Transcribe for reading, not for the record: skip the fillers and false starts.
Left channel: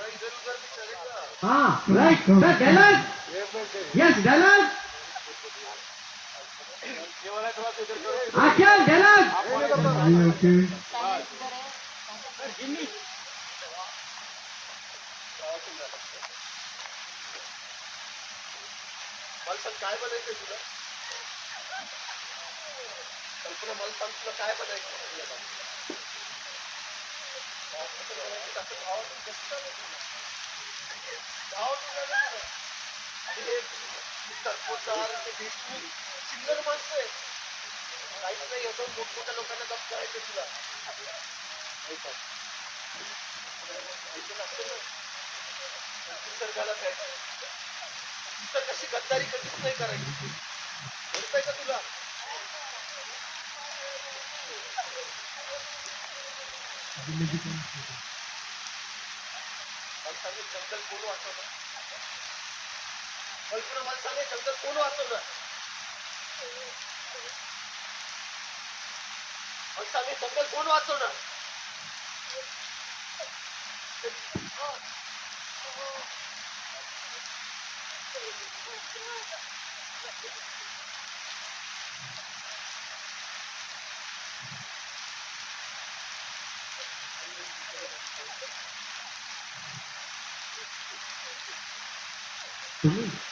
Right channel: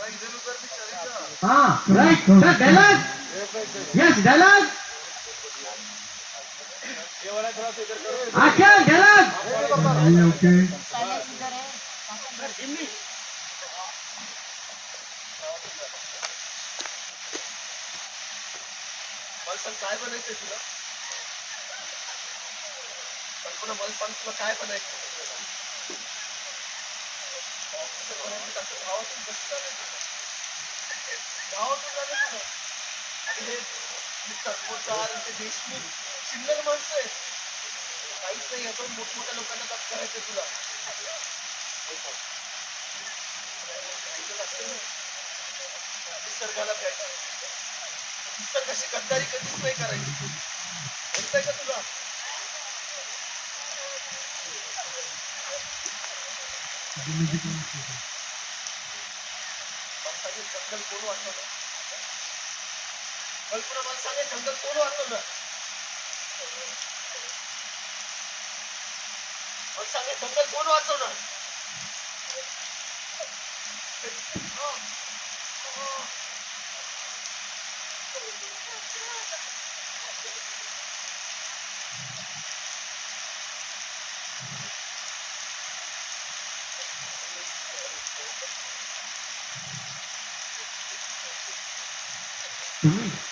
हाँ right sir dialogue yes dialogue action dialogue okay काय बनायचंय तुला कल्पना मला सांग तुला काय बनायचं देशमुख चिल्लर माणसं आहे काहीच नाही याच मोठमोठ्या लोकांना जप करायचं तुला निसर्गाला प्यायचं कशी गद्दारी कधीच नाही करायची कळतंय का तुला जंगल कोण वाचवलं कल्पना मला सांगे जंगल कोण वाचवलं मला सांगे जंगल कोण वाचवलं तुम्ही